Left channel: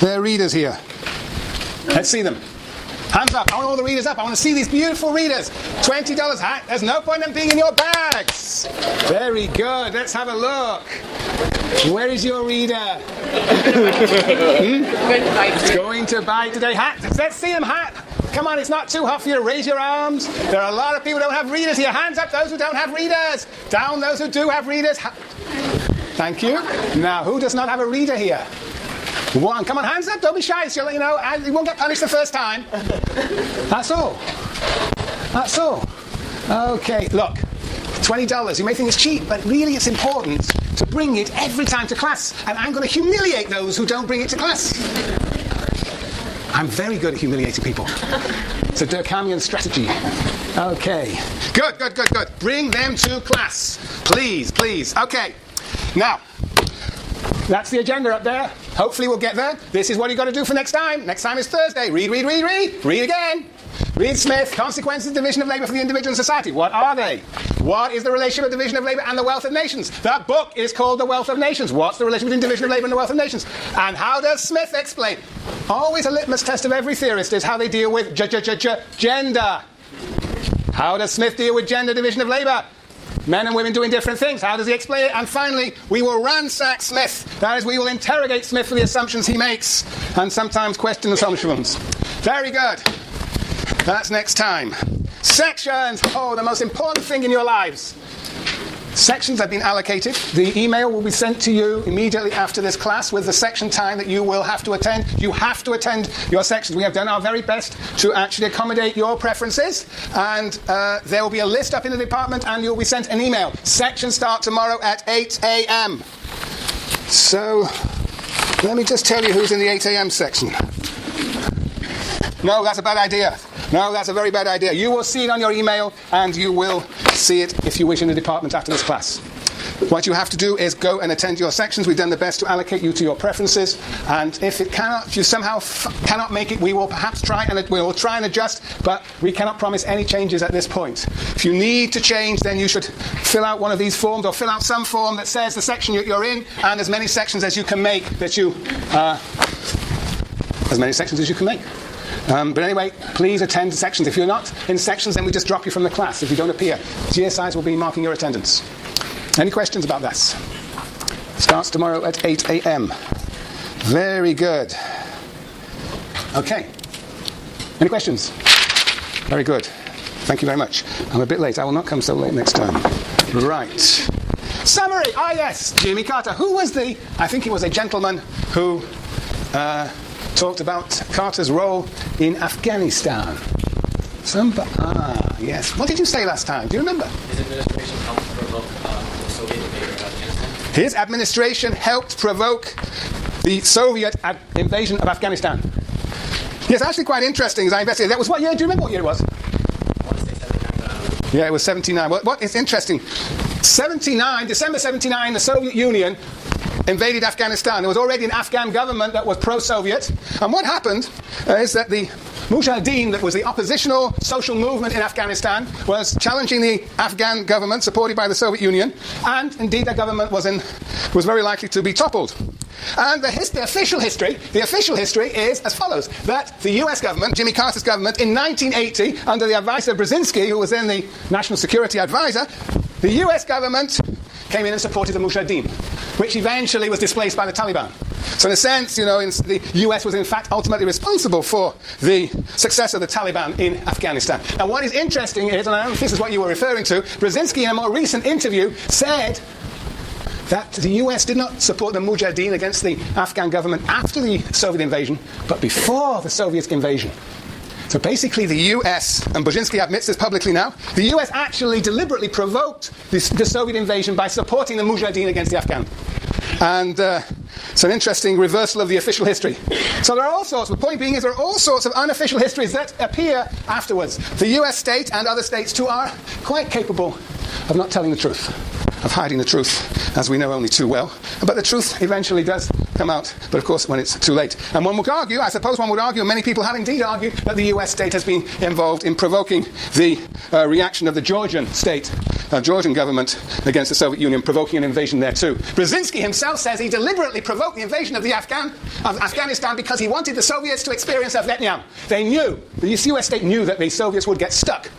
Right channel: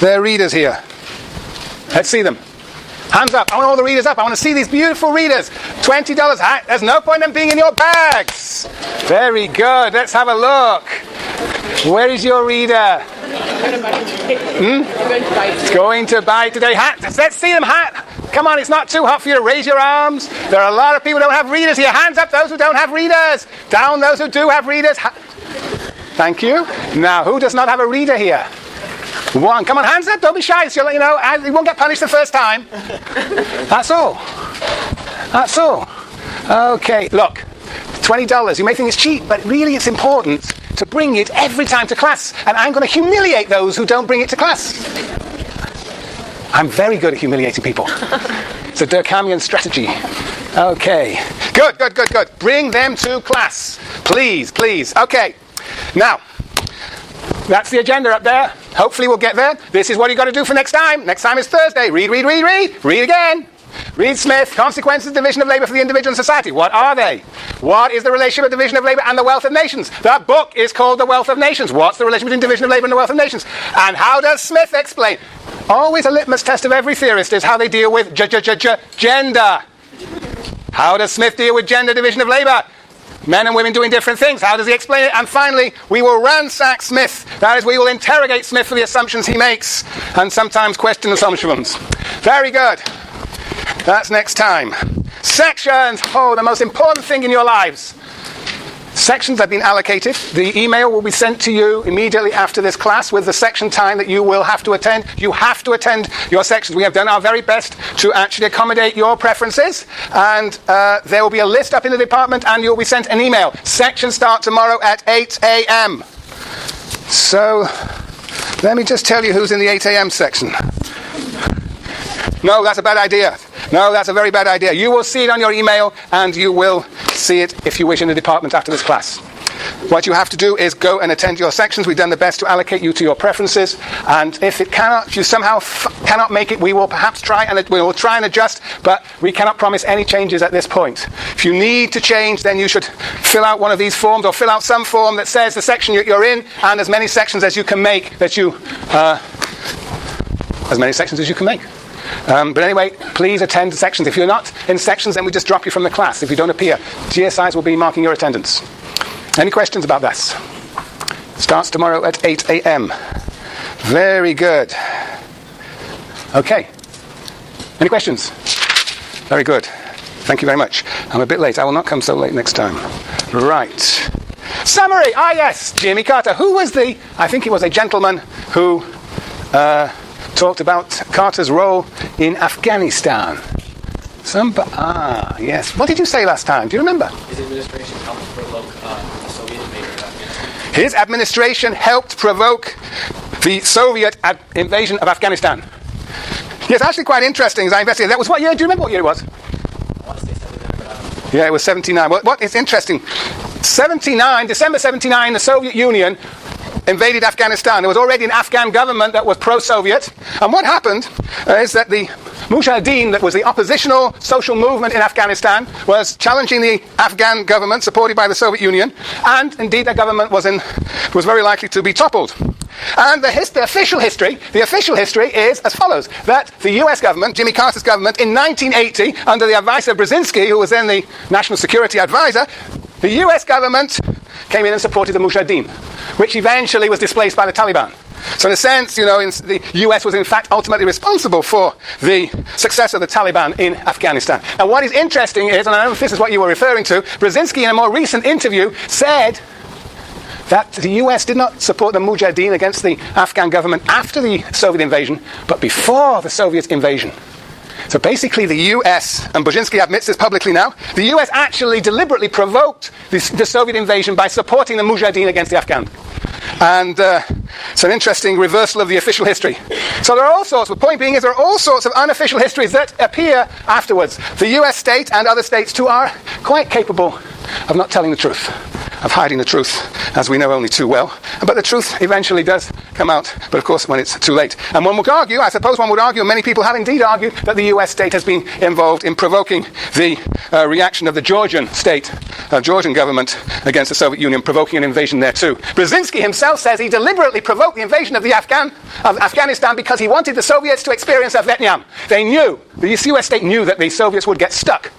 their readers here? Let's see them. Hands up. I want all the readers up. I want to see these beautiful readers. $20. There's no point in them being in your bags. Very good. Let's have a look. Where is your reader? It's going to buy today. Let's see them. Come on, it's not too hot for you to raise your arms. There are a lot of people who don't have readers here. Hands up those who don't have readers. Down those who do have readers. Thank you. Now, who does not have a reader here? One. Come on, hands up. Don't be shy. So, you won't get punished the first time. That's all. That's all. Okay, look. $20. You may think it's cheap, but really it's important to bring it every time to class. And I'm going to humiliate those who don't bring it to class. I'm very good at humiliating people. It's a Durkheimian strategy. Okay. Good. Bring them to class. Please. Okay. Now, that's the agenda up there. Hopefully we'll get there. This is what you've got to do for next time. Next time is Thursday. Read. Read again. Read Smith, Consequences of Division of Labour for the Individual and Society. What are they? What is the relationship of division of labour and the wealth of nations? The book is called The Wealth of Nations. What's the relation between division of labour and the wealth of nations? And how does Smith explain? Always a litmus test of every theorist is how they deal with gender. How does Smith deal with gender division of labour? Men and women doing different things. How does he explain it? And finally, we will ransack Smith. That is, we will interrogate Smith for the assumptions he makes and sometimes question assumptions. Very good. That's next time. Sections. The most important thing in your lives. Sections have been allocated. The email will be sent to you immediately after this class with the section time that you will have to attend. You have to attend your sections. We have done our very best to actually accommodate your preferences. And there will be a list up in the department and you'll be sent an email. Sections start tomorrow at 8 a.m. So, let me just tell you who's in the 8 a.m. section. No, that's a bad idea. No, that's a very bad idea. You will see it on your email, and you will see it, if you wish, in the department after this class. What you have to do is go and attend your sections. We've done the best to allocate you to your preferences, and if you somehow cannot make it, we will perhaps try and adjust, but we cannot promise any changes at this point. If you need to change, then you should fill out one of these forms, or fill out some form that says the section you're in, and as many sections as you can make But anyway, please attend the sections. If you're not in sections, then we just drop you from the class. If you don't appear, GSIs will be marking your attendance. Any questions about this? Starts tomorrow at 8 a.m. Very good. Okay. Any questions? Very good. Thank you very much. I'm a bit late. I will not come so late next time. Right. Summary. Yes. Jimmy Carter. Who was I think he was a gentleman who talked about Carter's role in Afghanistan. Yes. What did you say last time? Do you remember? His administration helped provoke the Soviet invasion of Afghanistan. His administration helped provoke the Soviet invasion of Afghanistan. Yes, actually quite interesting as I investigated. That was what year? Do you remember what year it was? I want to say 79. Yeah, it was 79. What is interesting, December 79, the Soviet Union invaded Afghanistan. There was already an Afghan government that was pro-Soviet. And what happened is that the Mujahideen, that was the oppositional social movement in Afghanistan, was challenging the Afghan government supported by the Soviet Union. And indeed, that government was very likely to be toppled. And the official history is as follows: that the US government, Jimmy Carter's government, in 1980, under the advice of Brzezinski, who was then the national security advisor, the US government came in and supported the Mujahideen, which eventually was displaced by the Taliban. So in a sense, the US was in fact ultimately responsible for the success of the Taliban in Afghanistan. And what is interesting is, and I don't know if this is what you were referring to, Brzezinski in a more recent interview said that the US did not support the Mujahideen against the Afghan government after the Soviet invasion, but before the Soviet invasion. So basically the US, and Brzezinski admits this publicly now, the US actually deliberately provoked the Soviet invasion by supporting the Mujahideen against the Afghan. And it's an interesting reversal of the official history. So there are all sorts, the point being is there are all sorts of unofficial histories that appear afterwards. The US state and other states too are quite capable of not telling the truth, of hiding the truth, as we know only too well. But the truth eventually does come out, but of course when it's too late. And one would argue, and many people have indeed argued, that the US state has been involved in provoking the reaction of the Georgian state Georgian government against the Soviet Union, provoking an invasion there too. Brzezinski himself says he deliberately provoked the invasion of Afghanistan because he wanted the Soviets to experience a Vietnam. They knew, the US state knew that the Soviets would get stuck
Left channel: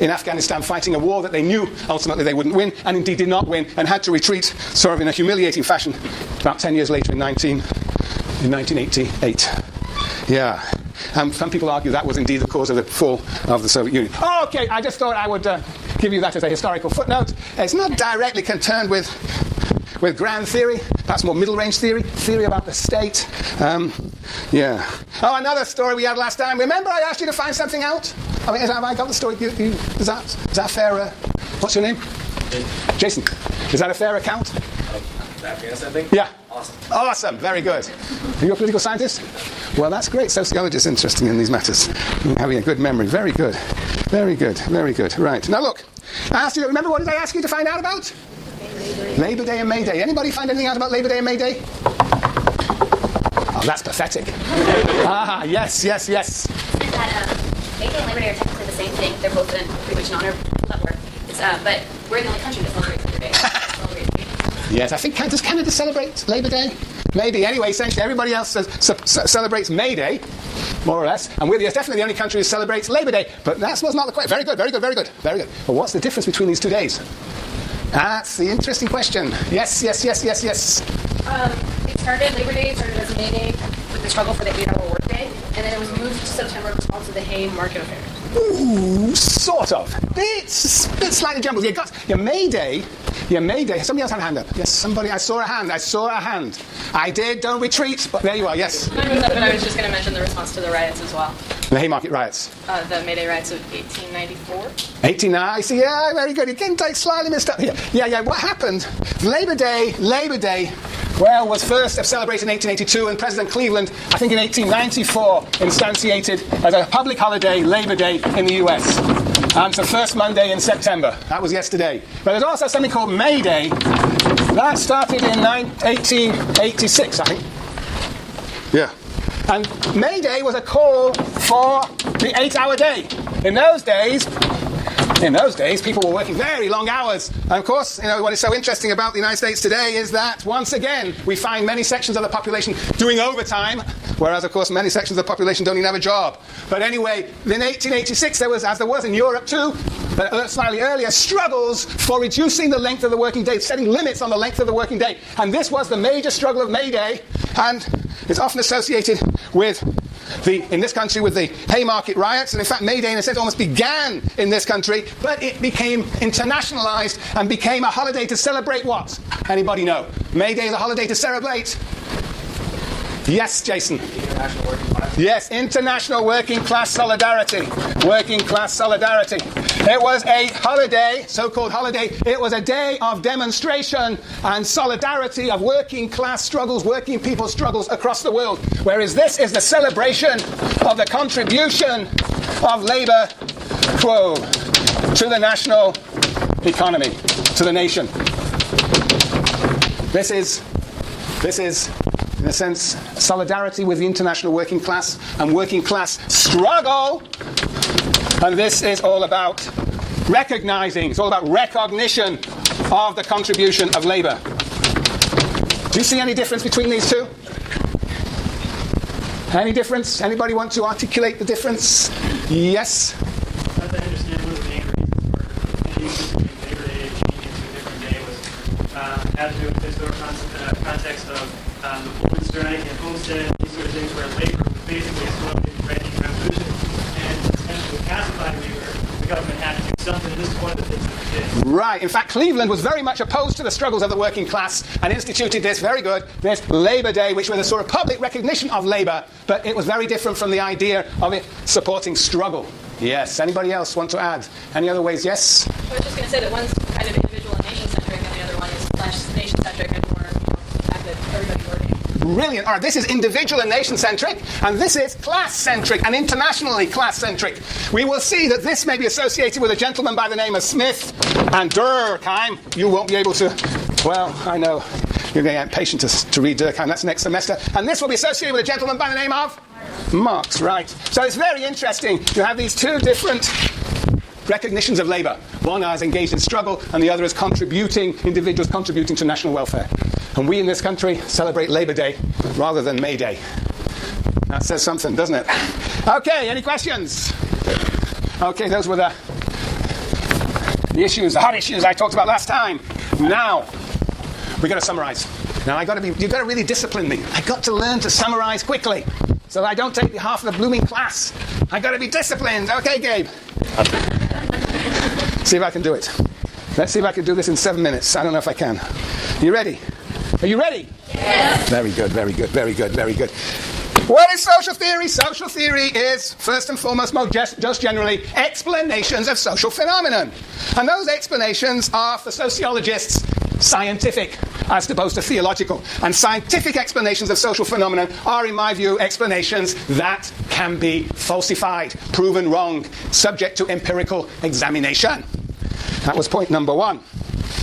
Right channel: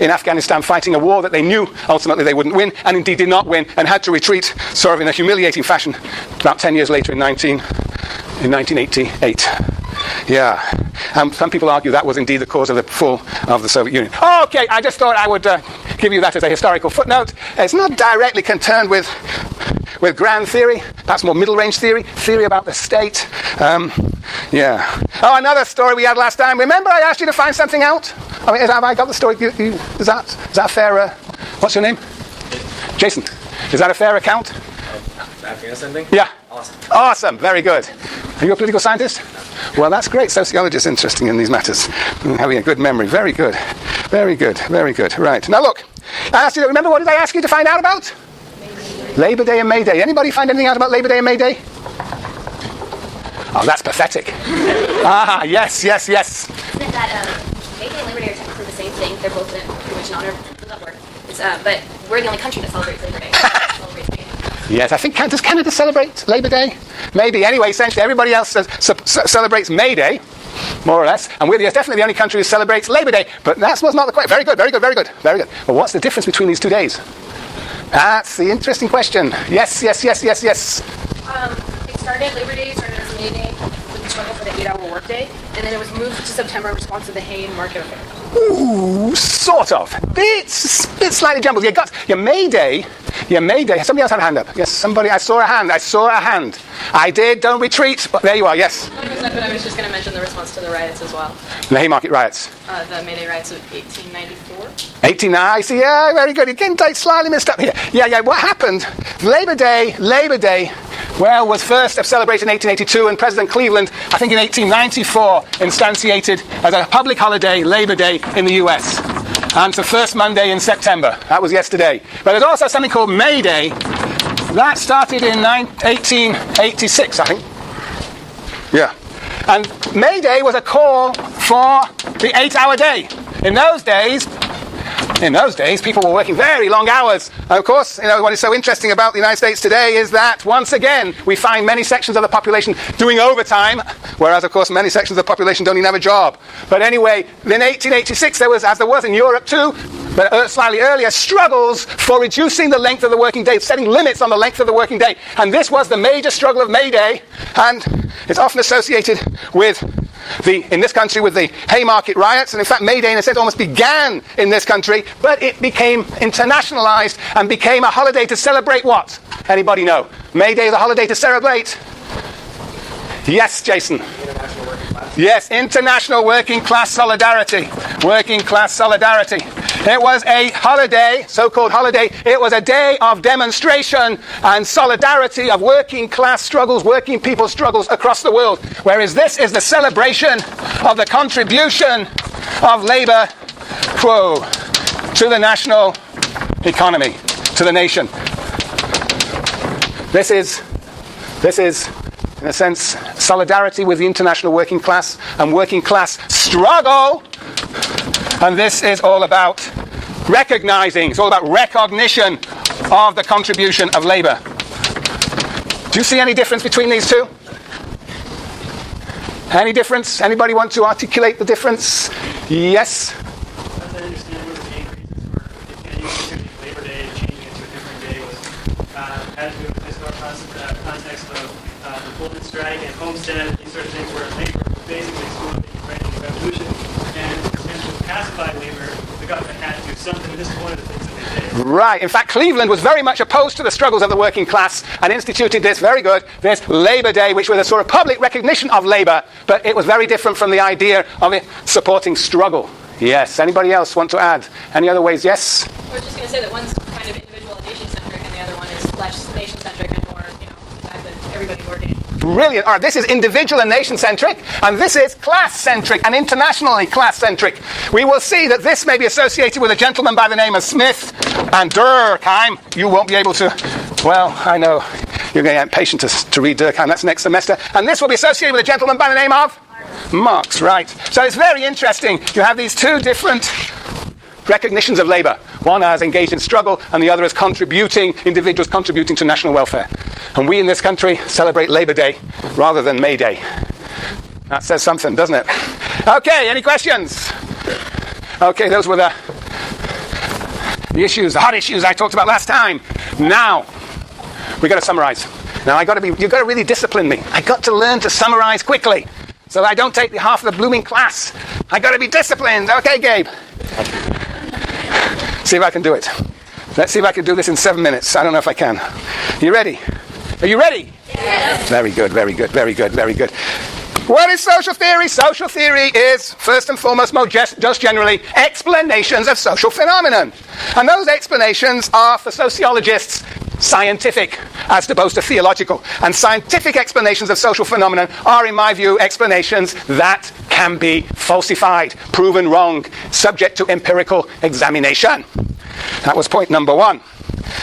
in Afghanistan fighting a war that they knew ultimately they wouldn't win, and indeed did not win, and had to retreat sort of in a humiliating fashion about 10 years later in 1988. Yeah, and some people argue that was indeed the cause of the fall of the Soviet Union. Okay, I just thought I would give you that as a historical footnote. It's not directly concerned with grand theory. That's more middle-range theory about the state. Yeah. Oh, another story we had last time. Remember I asked you to find something out? I mean, have I got the story? Is that fair? What's your name? Jason. Is that a fair account? The Afghanistan thing? Yeah. Awesome. Very good. Are you a political scientist? Well, that's great. Sociologists interesting in these matters. Having a good memory. Very good. Very good. Very good. Right. Now look, I asked you, remember what did I ask you to find out about? Labor Day and May Day. Anybody find anything out about Labor Day and May Day? Oh, that's pathetic. Yes. That May Day and Labor Day are technically the same thing. They're both pretty much an honor of work. But we're the only country that celebrates Labor Day. Yes, I think, does Canada celebrate Labor Day? Maybe. Anyway, essentially everybody else celebrates May Day, more or less, and we're definitely the only country who celebrates Labor Day. But that was not the question. Very good. But what's the difference between these 2 days? That's the interesting question. Yes. Labor Day started as a May Day with the struggle for the 8-hour workday, and then it was moved to September in response to the hay market affair. Ooh, sort of. It's a bit slightly jumbled. You got your May Day. Somebody else had a hand up. Yes, somebody. I saw a hand. I did. Don't retreat. But there you are. Yes. But I was just going to mention the response to the riots as well. The Haymarket riots. The May Day riots of 1894. I see. Yeah, very good. Again, slightly missed up here. Yeah. What happened? Labor Day. Well, was first celebrated in 1882, and President Cleveland, I think in 1894, instantiated as a public holiday, Labor Day, in the US. And it's the first Monday in September. That was yesterday. But there's also something called May Day. That started in 1886, I think. Yeah. And May Day was a call for the 8-hour day. In those days, people were working very long hours. And of course, what is so interesting about the United States today is that, once again, we find many sections of the population doing overtime, whereas, of course, many sections of the population don't even have a job. But anyway, in 1886, there was, as there was in Europe too, but slightly earlier, struggles for reducing the length of the working day, setting limits on the length of the working day. And this was the major struggle of May Day, and it's often associated with in this country with the Haymarket riots, and in fact May Day in a sense almost began in this country, but it became internationalized and became a holiday to celebrate what? Anybody know? May Day is a holiday to celebrate? Yes, Jason. International working class. Yes, international working class solidarity. Working class solidarity. It was a holiday, so-called holiday. It was a day of demonstration and solidarity of working class struggles, working people's struggles across the world. Whereas this is the celebration of the contribution of labor, to the national economy, to the nation. This is, in a sense, solidarity with the international working class and working class struggle. And this is all about recognizing, it's all about recognition of the contribution of labor. Do you see any difference between these two? Any difference? Anybody want to articulate the difference? Yes? As I understand, one of the main reasons for instituting Labor Day and changing it to a different day was had to do with the historic context of the Pullman strike and Homestead, these sort of things where labor was basically swept into fighting the revolution. And to pacify labor, the government had to do something. This is one of the things that they did. Right. In fact, Cleveland was very much opposed to the struggles of the working class and instituted this this Labor Day, which was a sort of public recognition of labor, but it was very different from the idea of it supporting struggle. Yes. Anybody else want to add? Any other ways? Yes? I was just going to say that one's kind of individual and nation-centric, and the other one is less nation-centric and more, the fact that everybody's working. Brilliant. All right, this is individual and nation-centric, and this is class-centric and internationally class-centric. We will see that this may be associated with a gentleman by the name of Smith and Durkheim. You won't be able to, well, I know you're getting impatient to read Durkheim. That's next semester. And this will be associated with a gentleman by the name of Marx, right. So it's very interesting. You have these two different recognitions of labor. One as engaged in struggle, and the other as individuals contributing to national welfare. And we in this country celebrate Labor Day rather than May Day. That says something, doesn't it? Okay, any questions? Okay, those were the issues, the hot issues I talked about last time. Now, we're going to summarize. Now, you've got to really discipline me. I got to learn to summarize quickly, so that I don't take half of the blooming class. I got to be disciplined. Okay, Gabe. See if I can do it. Let's see if I can do this in 7 minutes. I don't know if I can. You ready? Are you ready? Yes. Very good, very good, very good, very good. What is social theory? Social theory is, first and foremost, just generally, explanations of social phenomenon. And those explanations are, for sociologists, scientific, as opposed to theological. And scientific explanations of social phenomenon are, in my view, explanations that can be falsified, proven wrong, subject to empirical examination. That was point number one.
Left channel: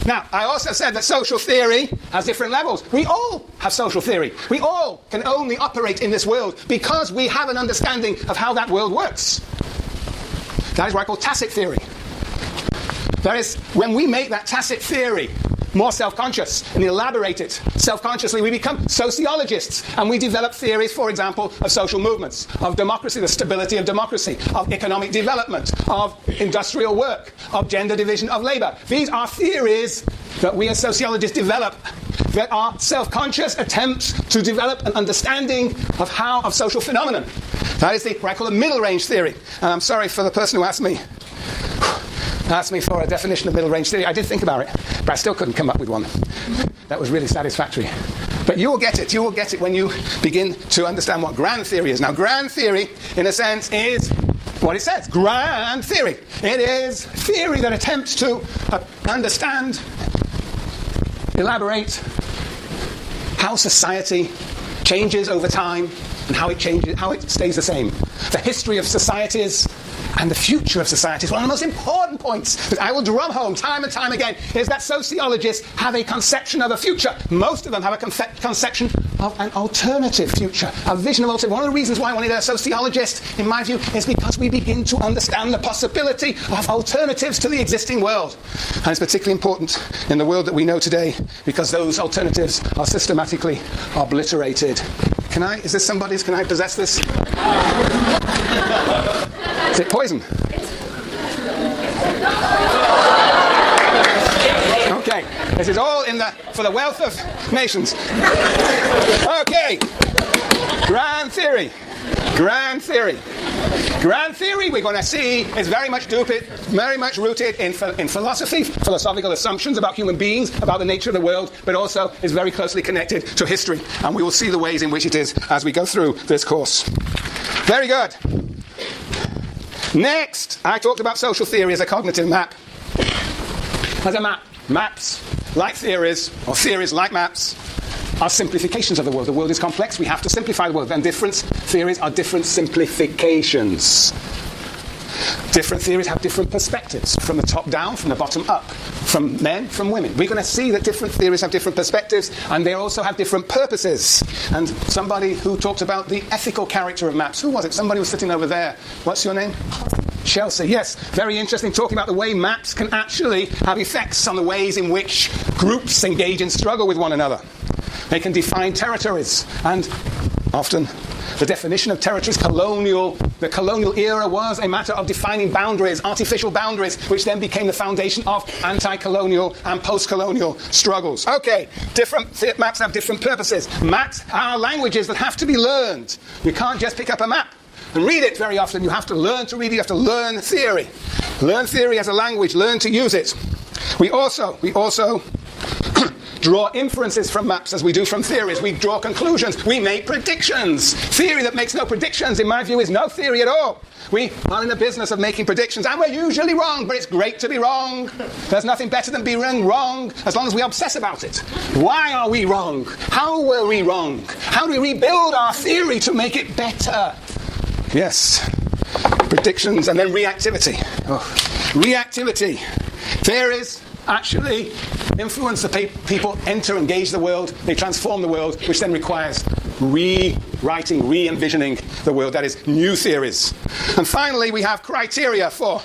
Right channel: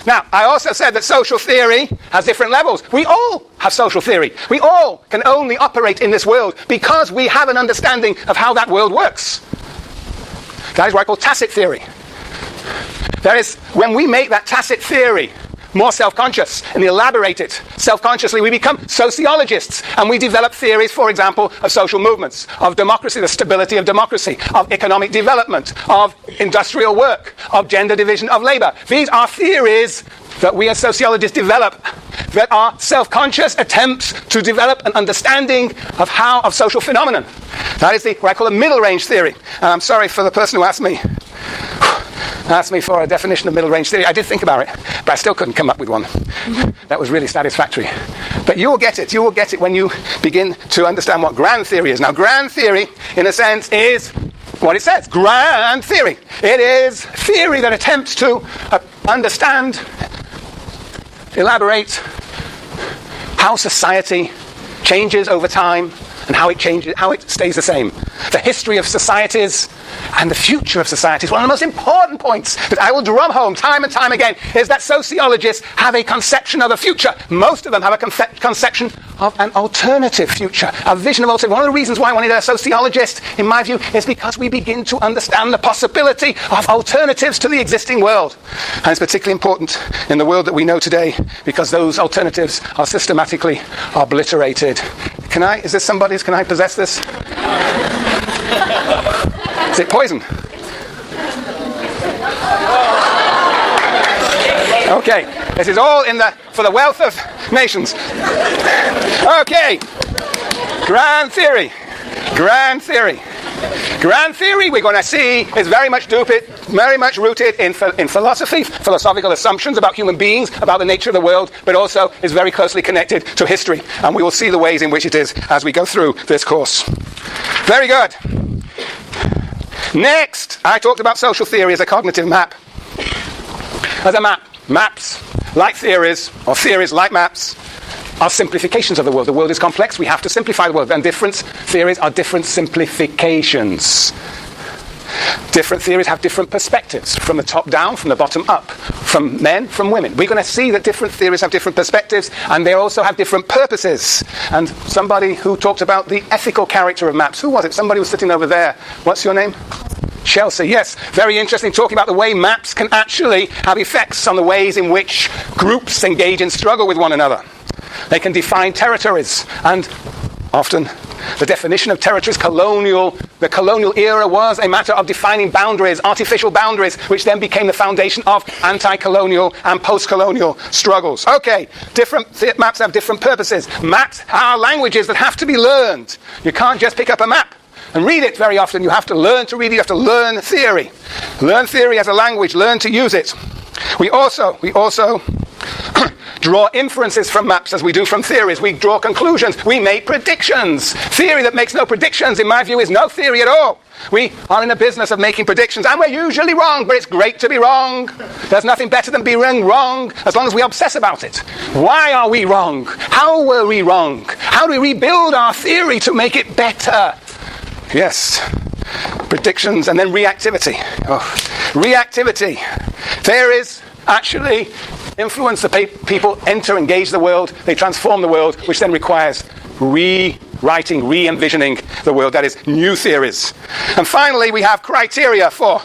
Now, I also said that social theory has different levels. We all have social theory. We all can only operate in this world because we have an understanding of how that world works. That is what I call tacit theory. That is, when we make that tacit theory more self-conscious and elaborate it self-consciously, we become sociologists, and we develop theories, for example, of social movements, of democracy, the stability of democracy, of economic development, of industrial work, of gender division of labor. These are theories that we as sociologists develop that are self-conscious attempts to develop an understanding of social phenomenon. That is what I call a middle-range theory. And I'm sorry for the person who asked me for a definition of middle-range theory. I did think about it, but I still couldn't come up with one that was really satisfactory. But you will get it. You will get it when you begin to understand what grand theory is. Now, grand theory, in a sense, is what it says. Grand theory. It is theory that attempts to understand, elaborate how society changes over time and how it changes, how it stays the same. The history of societies and the future of society is one of the most important points that I will drum home time and time again, is that sociologists have a conception of a future. Most of them have a conception of an alternative future, a vision of alternative. One of the reasons why I wanted a sociologist, in my view, is because we begin to understand the possibility of alternatives to the existing world. And it's particularly important in the world that we know today, because those alternatives are systematically obliterated. Can I possess this? Is it poison? Okay, this is all for the wealth of nations. Okay, grand theory. Grand theory, we're going to see, is very much rooted in philosophy, philosophical assumptions about human beings, about the nature of the world, but also is very closely connected to history. And we will see the ways in which it is as we go through this course. Very good. Next, I talked about social theory as a cognitive map. As a map. Maps, like theories, or theories like maps, are simplifications of the world. The world is complex. We have to simplify the world. And different theories are different simplifications. Different theories have different perspectives, from the top down, from the bottom up, from men, from women. We're going to see that different theories have different perspectives, and they also have different purposes. And somebody who talked about the ethical character of maps, who was it? Somebody was sitting over there. What's your name? Chelsea, yes. Very interesting, talking about the way maps can actually have effects on the ways in which groups engage in struggle with one another. They can define territories, and often the definition of territories, the colonial era was a matter of defining boundaries, artificial boundaries, which then became the foundation of anti-colonial and post-colonial struggles. Okay, maps have different purposes. Maps are languages that have to be learned. You can't just pick up a map and read it very often. You have to learn to read it. You have to learn theory. Learn theory as a language. Learn to use it. We also draw inferences from maps as we do from theories. We draw conclusions. We make predictions. Theory that makes no predictions, in my view, is no theory at all. We are in the business of making predictions, and we're usually wrong, but it's great to be wrong. There's nothing better than being wrong, as long as we obsess about it. Why are we wrong? How were we wrong? How do we rebuild our theory to make it better? Yes. Predictions, and then reactivity. Reactivity. Theories actually influence the people, engage the world, they transform the world, which then requires rewriting, re-envisioning the world. That is, new theories. And finally, we have criteria for